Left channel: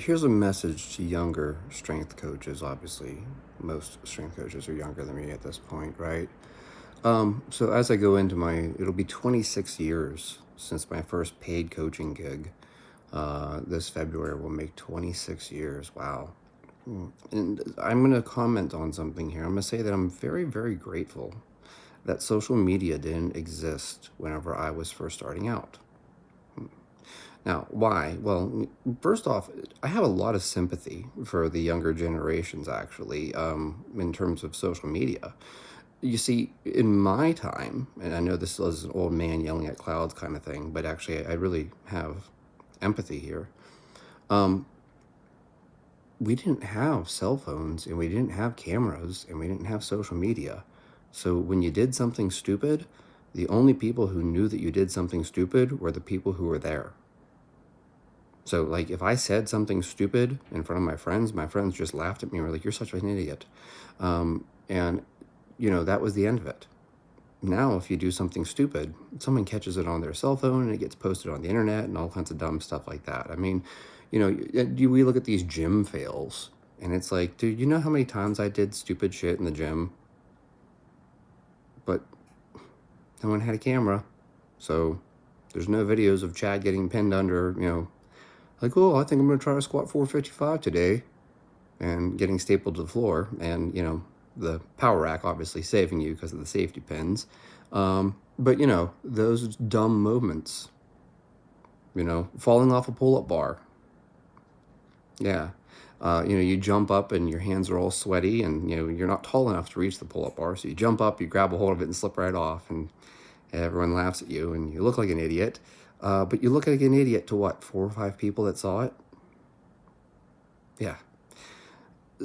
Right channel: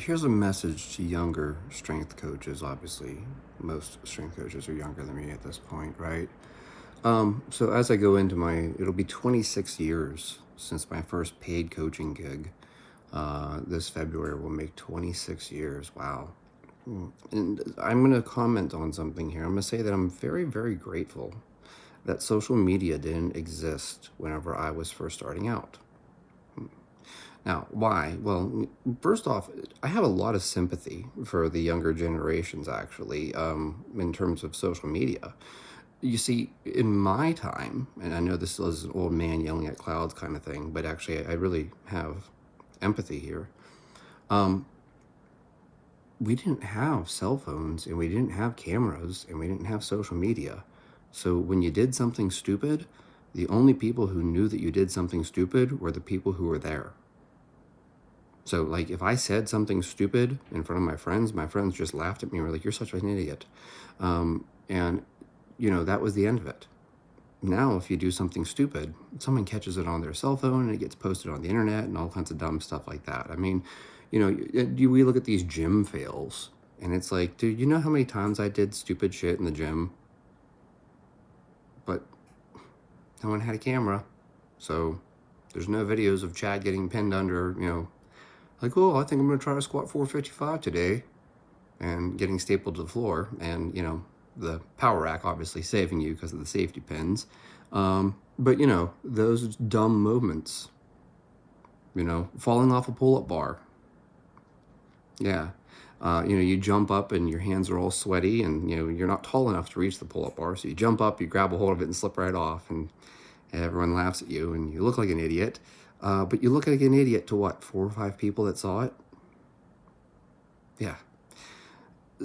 Here's a message to younger strength coaches. Obviously, most strength coaches are younger than me at this point, right? So as I go into it'll be 26 years since my first paid coaching gig. This February will make 26 years. Wow. And I'm going to comment on something here. I'm going to say that I'm very, very grateful that social media didn't exist whenever I was first starting out. Now, why? Well, first off, I have a lot of sympathy for the younger generations, actually, in terms of social media. You see, in my time, and I know this is an old man yelling at clouds kind of thing, but actually, I really have empathy here. We didn't have cell phones, and we didn't have cameras, and we didn't have social media. So when you did something stupid, the only people who knew that you did something stupid were the people who were there. So, like, if I said something stupid in front of my friends just laughed at me and were like, "You're such an idiot." And, that was the end of it. Now, if you do something stupid, someone catches it on their cell phone and it gets posted on the internet and all kinds of dumb stuff like that. I mean, we look at these gym fails and it's like, dude, you know how many times I did stupid shit in the gym? But no one had a camera. So there's no videos of Chad getting pinned under, like, oh, I think I'm going to try to squat 455 today and getting stapled to the floor. And, the power rack obviously saving you because of the safety pins. But, those dumb movements, falling off a pull-up bar. Yeah. You jump up and your hands are all sweaty and, you're not tall enough to reach the pull-up bar. So you jump up, you grab a hold of it and slip right off. And everyone laughs at you and you look like an idiot. But you look like an idiot to what, 4 or 5 people that saw it? Yeah.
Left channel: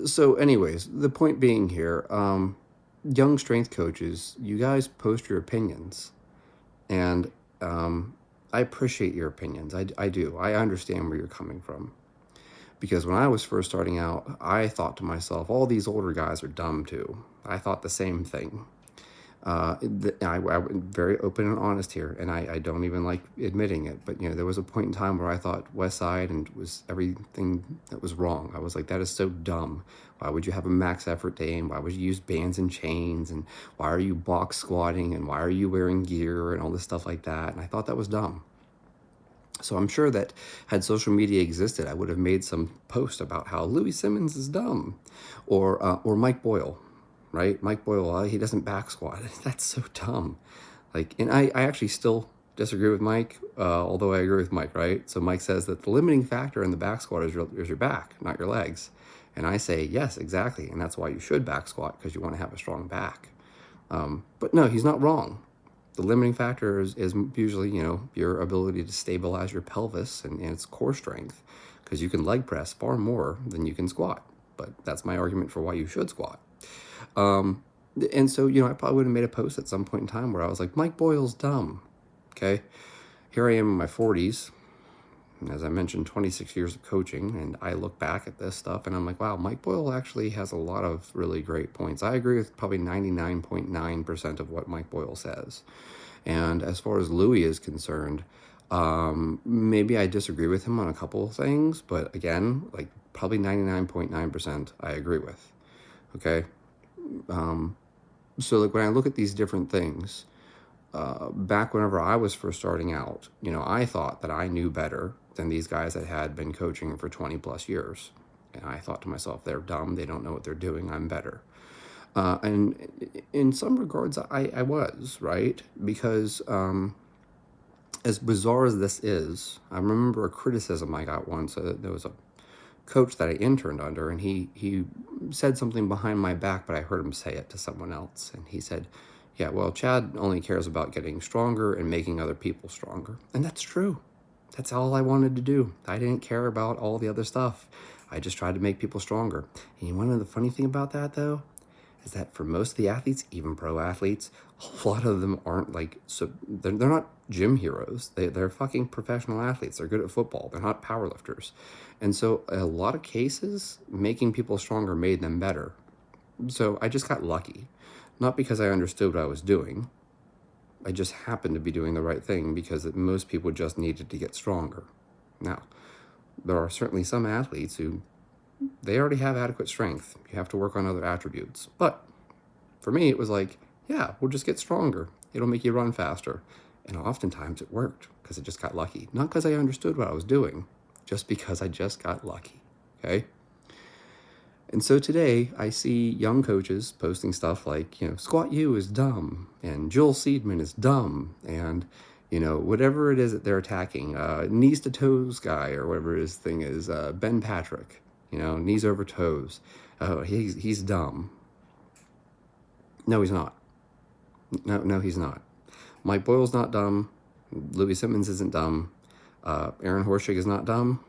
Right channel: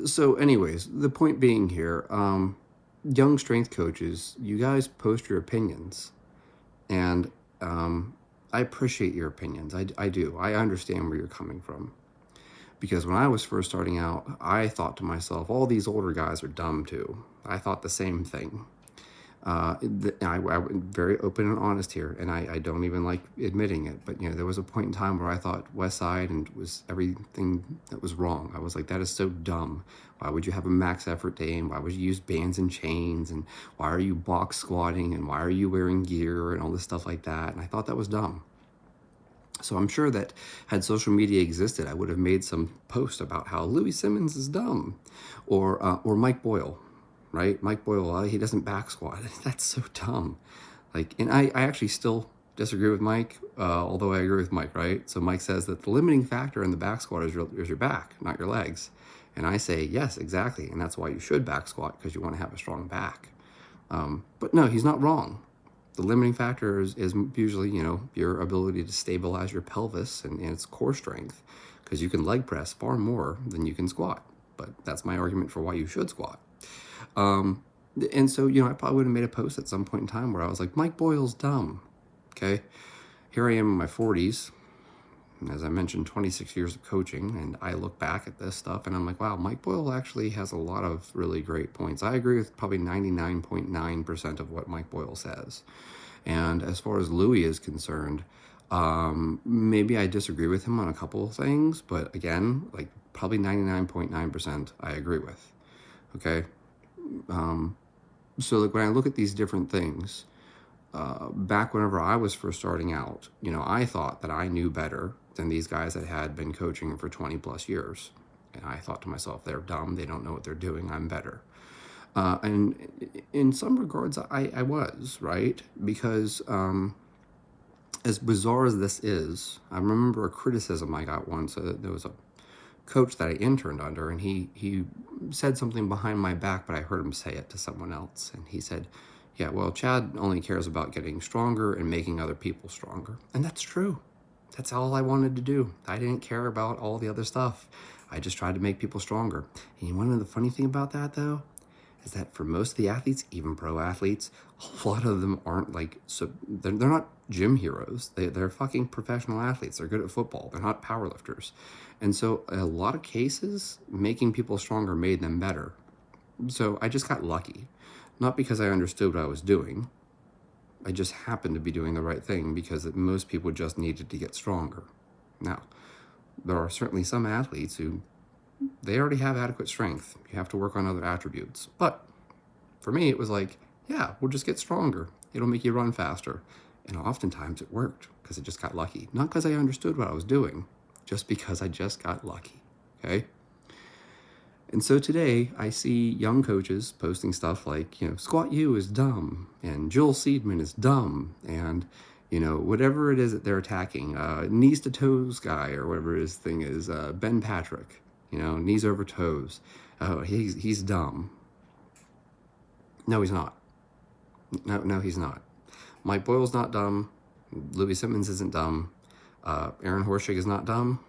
So anyways, the point being here, young strength coaches, you guys post your opinions. And I appreciate your opinions. I do. I understand where you're coming from. Because when I was first starting out, I thought to myself, all these older guys are dumb too. I thought the same thing. I'm very open and honest here, and I don't even like admitting it, but there was a point in time where I thought West Side and it was everything that was wrong. I was like, that is so dumb. Why would you have a max effort day, and why would you use bands and chains, and why are you box squatting, and why are you wearing gear and all this stuff like that? And I thought that was dumb. So I'm sure that had social media existed, I would have made some post about how Louis Simmons is dumb, or Mike Boyle. Right? Mike Boyle, he doesn't back squat. That's so dumb. And I actually still disagree with Mike, although I agree with Mike, right? So Mike says that the limiting factor in the back squat is your back, not your legs. And I say, yes, exactly. And that's why you should back squat, because you want to have a strong back. But no, he's not wrong. The limiting factor is usually, your ability to stabilize your pelvis and its core strength, because you can leg press far more than you can squat. But that's my argument for why you should squat. And so, I probably would have made a post at some point in time where I was like, Mike Boyle's dumb. Okay. Here I am in my 40s. And as I mentioned, 26 years of coaching. And I look back at this stuff and I'm like, wow, Mike Boyle actually has a lot of really great points. I agree with probably 99.9% of what Mike Boyle says. And as far as Louis is concerned, maybe I disagree with him on a couple of things, but again, like probably 99.9% I agree with. Okay. So like when I look at these different things, back whenever I was first starting out, I thought that I knew better than these guys that had been coaching for 20 plus years. And I thought to myself, they're dumb. They don't know what they're doing. I'm better. And in some regards, I was, right? Because as bizarre as this is, I remember a criticism I got once. There was a coach that I interned under, and he said something behind my back, but I heard him say it to someone else. And he said, yeah, well, Chad only cares about getting stronger and making other people stronger. And that's true. That's all I wanted to do. I didn't care about all the other stuff. I just tried to make people stronger. And you want to know the funny thing about that, though? Is that for most of the athletes, even pro athletes, a lot of them aren't they're not gym heroes. They're fucking professional athletes. They're good at football. They're not powerlifters. And so a lot of cases, making people stronger made them better. So I just got lucky. Not because I understood what I was doing. I just happened to be doing the right thing because most people just needed to get stronger. Now, there are certainly some athletes who, they already have adequate strength. You have to work on other attributes. But for me, it was like, yeah, we'll just get stronger. It'll make you run faster. And oftentimes it worked because I just got lucky. Not because I understood what I was doing, just because I just got lucky, okay? And so today I see young coaches posting stuff like, Squat U is dumb, and Joel Seedman is dumb, and, whatever it is that they're attacking, knees to toes guy, or whatever his thing is, Ben Patrick, knees over toes. He's dumb. No, he's not. No, he's not. Mike Boyle's not dumb. Louis Simmons isn't dumb. Aaron Horschig is not dumb.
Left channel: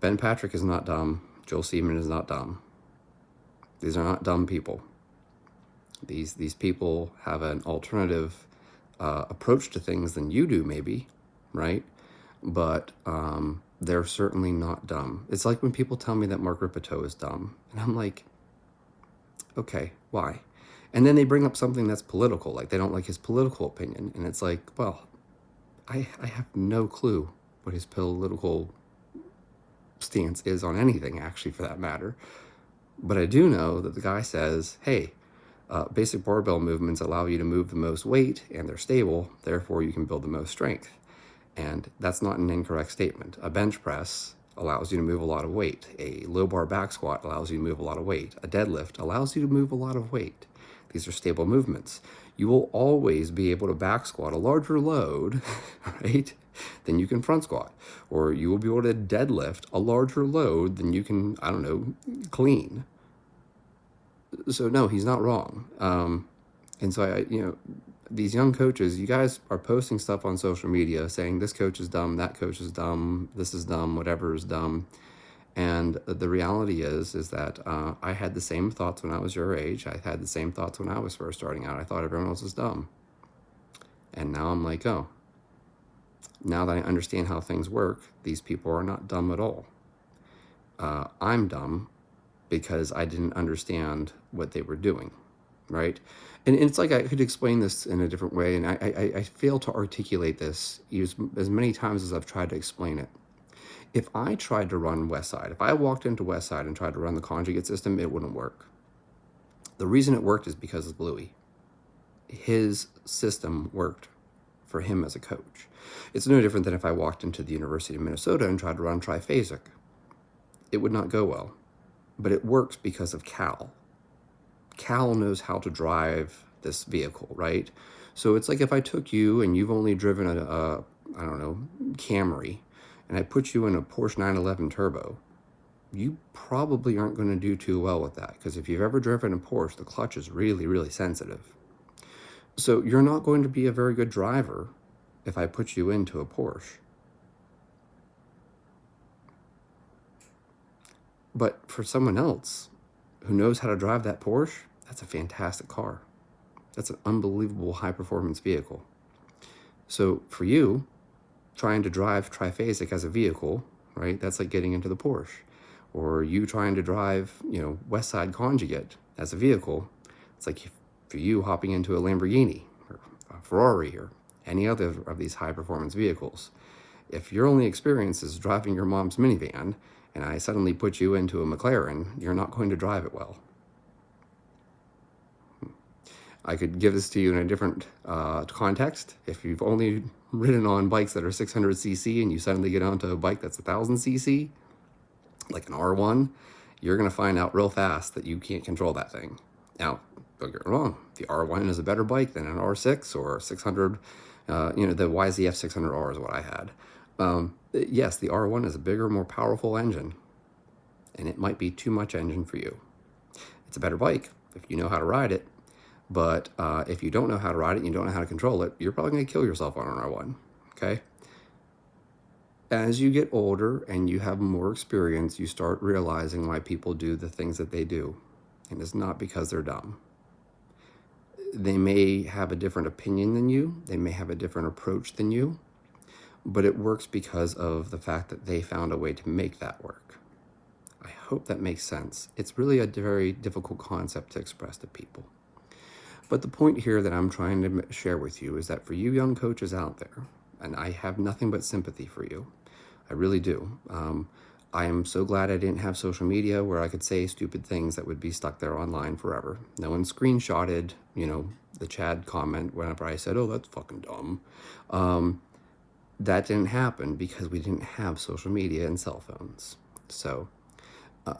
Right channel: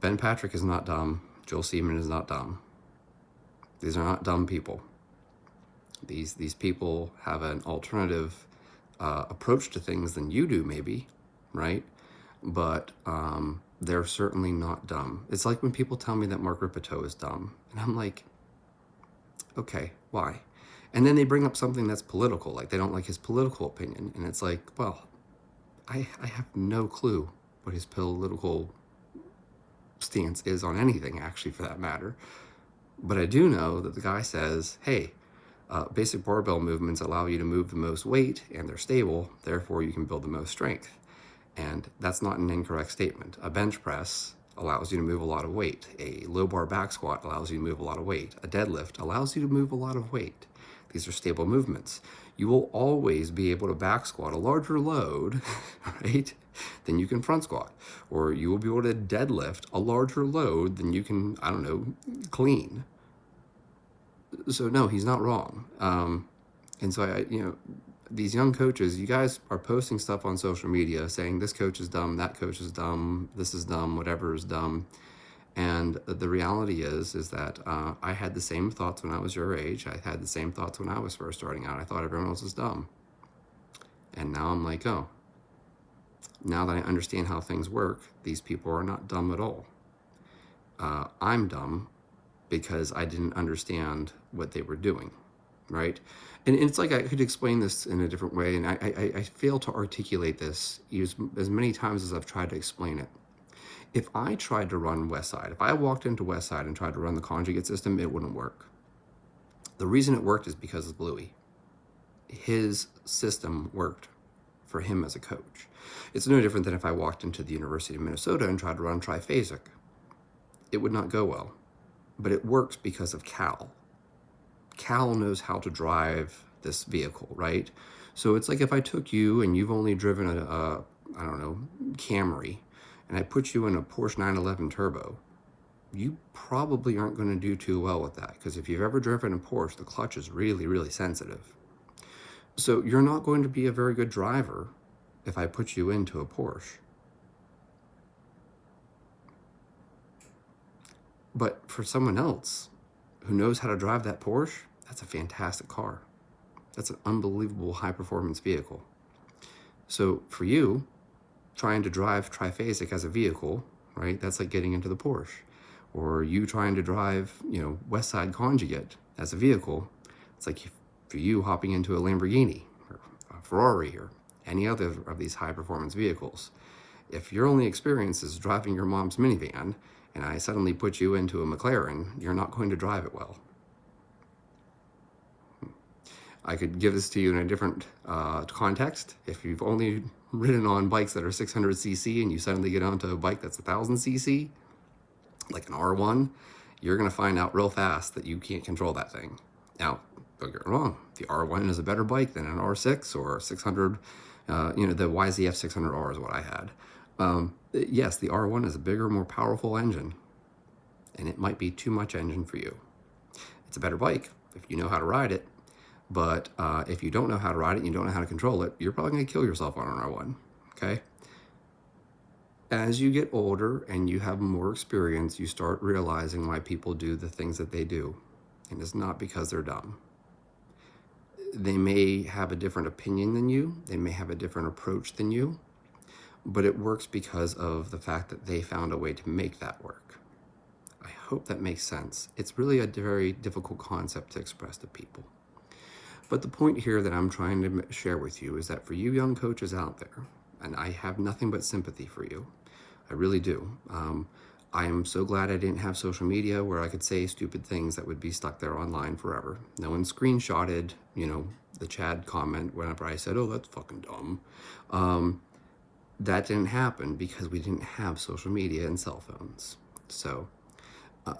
Ben Patrick is not dumb. Joel Seedman is not dumb. These are not dumb people. These people have an alternative approach to things than you do, maybe, right? But they're certainly not dumb. It's like when people tell me that Mark Rippetoe is dumb, and I'm like, okay, why? And then they bring up something that's political, like they don't like his political opinion, and it's like, well, I have no clue what his political stance is on anything, actually, for that matter. But I do know that the guy says, hey, basic barbell movements allow you to move the most weight, and they're stable, therefore you can build the most strength. And that's not an incorrect statement. A bench press allows you to move a lot of weight. A low bar back squat allows you to move a lot of weight. A deadlift allows you to move a lot of weight. These are stable movements. You will always be able to back squat a larger load, right, than you can front squat. Or you will be able to deadlift a larger load than you can, clean. So no, he's not wrong. And so these young coaches, you guys are posting stuff on social media saying this coach is dumb, that coach is dumb, this is dumb, whatever is dumb. And the reality is that I had the same thoughts when I was your age. I had the same thoughts when I was first starting out. I thought everyone else was dumb. And now I'm like, oh, now that I understand how things work, these people are not dumb at all. I'm dumb because I didn't understand what they were doing, right? And it's like I could explain this in a different way, and I fail to articulate this as many times as I've tried to explain it. If I tried to run Westside, if I walked into Westside and tried to run the conjugate system, it wouldn't work. The reason it worked is because of Louis. His system worked for him as a coach. It's no different than if I walked into the University of Minnesota and tried to run triphasic. It would not go well, but it works because of Cal. Cal knows how to drive this vehicle, right? So it's like if I took you and you've only driven a Camry, and I put you in a Porsche 911 Turbo, you probably aren't going to do too well with that, because if you've ever driven a Porsche, the clutch is really, really sensitive. So you're not going to be a very good driver if I put you into a Porsche. But for someone else who knows how to drive that Porsche, that's a fantastic car. That's an unbelievable high-performance vehicle. So for you, trying to drive triphasic as a vehicle, right? That's like getting into the Porsche. Or you trying to drive, Westside conjugate as a vehicle. It's like for you hopping into a Lamborghini or a Ferrari or any other of these high performance vehicles. If your only experience is driving your mom's minivan and I suddenly put you into a McLaren, you're not going to drive it well. I could give this to you in a different context. If you've only ridden on bikes that are 600cc and you suddenly get onto a bike that's 1000cc, like an R1, you're going to find out real fast that you can't control that thing. Now, don't get me wrong, the R1 is a better bike than an R6 or 600, the YZF 600R is what I had. Yes, the R1 is a bigger, more powerful engine, and it might be too much engine for you. It's a better bike if you know how to ride it. But if you don't know how to ride it, you don't know how to control it, you're probably going to kill yourself on an R1, okay? As you get older and you have more experience, you start realizing why people do the things that they do. And it's not because they're dumb. They may have a different opinion than you. They may have a different approach than you. But it works because of the fact that they found a way to make that work. I hope that makes sense. It's really a very difficult concept to express to people. But the point here that I'm trying to share with you is that for you young coaches out there, and I have nothing but sympathy for you, I really do. I am so glad I didn't have social media where I could say stupid things that would be stuck there online forever. No one screenshotted, the Chad comment whenever I said, oh, that's fucking dumb. That didn't happen because we didn't have social media and cell phones. So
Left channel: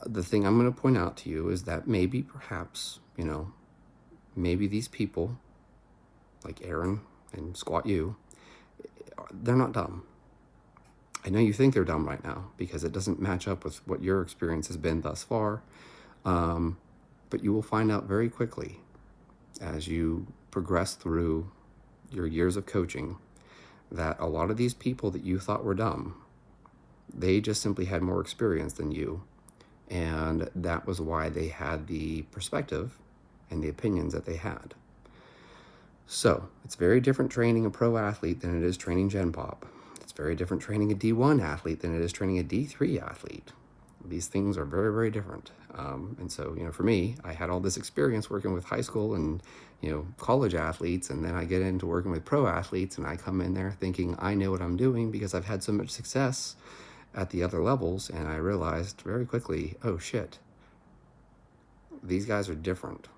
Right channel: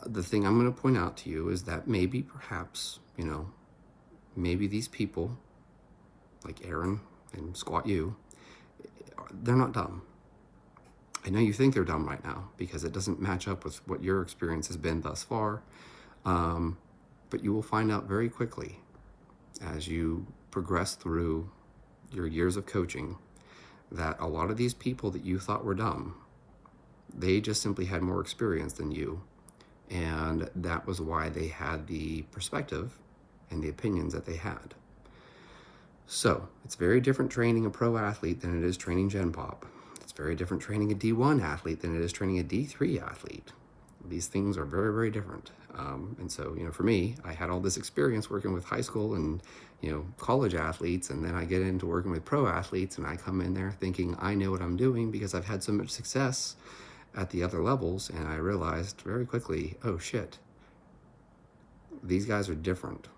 the thing I'm going to point out to you is that maybe, perhaps, maybe these people, like Aaron and Squat U, they're not dumb. I know you think they're dumb right now because it doesn't match up with what your experience has been thus far. But you will find out very quickly as you progress through your years of coaching that a lot of these people that you thought were dumb, they just simply had more experience than you. And that was why they had the perspective and the opinions that they had. So it's very different training a pro athlete than it is training Gen Pop. It's very different training a D1 athlete than it is training a D3 athlete. These things are very, very different. And so, for me, I had all this experience working with high school and, college athletes, and then I get into working with pro athletes, and I come in there thinking I know what I'm doing because I've had so much success at the other levels, and I realized very quickly, oh shit, these guys are different.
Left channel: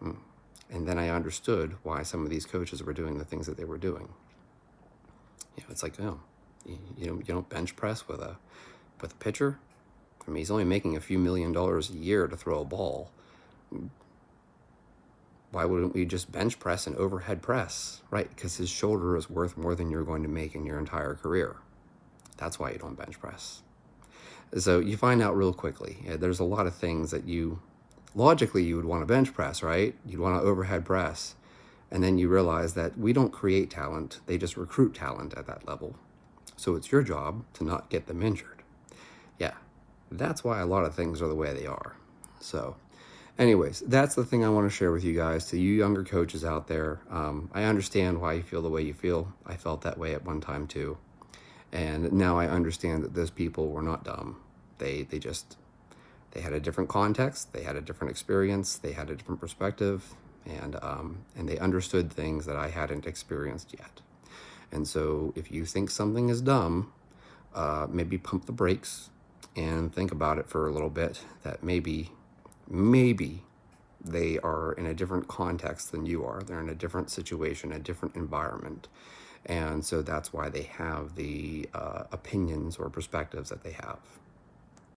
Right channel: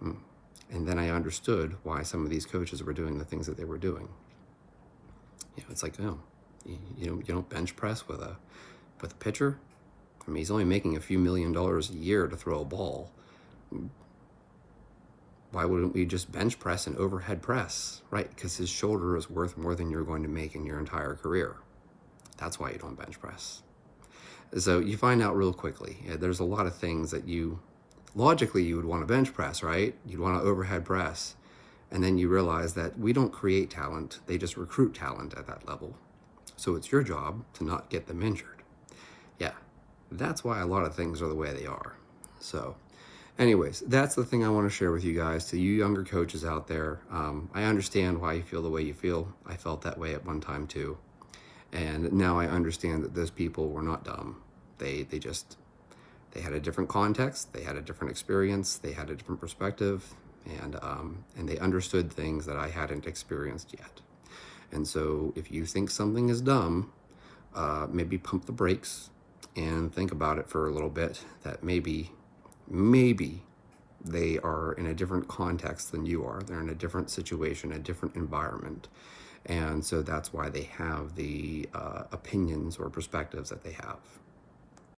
And then I understood why some of these coaches were doing the things that they were doing. It's like, you don't bench press with a pitcher. I mean, he's only making a few $1 million a year to throw a ball. Why wouldn't we just bench press and overhead press? Right, because his shoulder is worth more than you're going to make in your entire career. That's why you don't bench press. So you find out real quickly. There's a lot of things that logically you would want to bench press, right? You'd want to overhead press. And then you realize that we don't create talent, they just recruit talent at that level. So it's your job to not get them injured. Yeah, that's why a lot of things are the way they are. So anyways, that's the thing I want to share with you guys, to you younger coaches out there. I understand why you feel the way you feel. I felt that way at one time too. And now I understand that those people were not dumb. They had a different context, they had a different experience, they had a different perspective, and they understood things that I hadn't experienced yet. And so if you think something is dumb, maybe pump the brakes and think about it for a little bit, that maybe they are in a different context than you are. They're in a different situation, a different environment. And so that's why they have the opinions or perspectives that they have.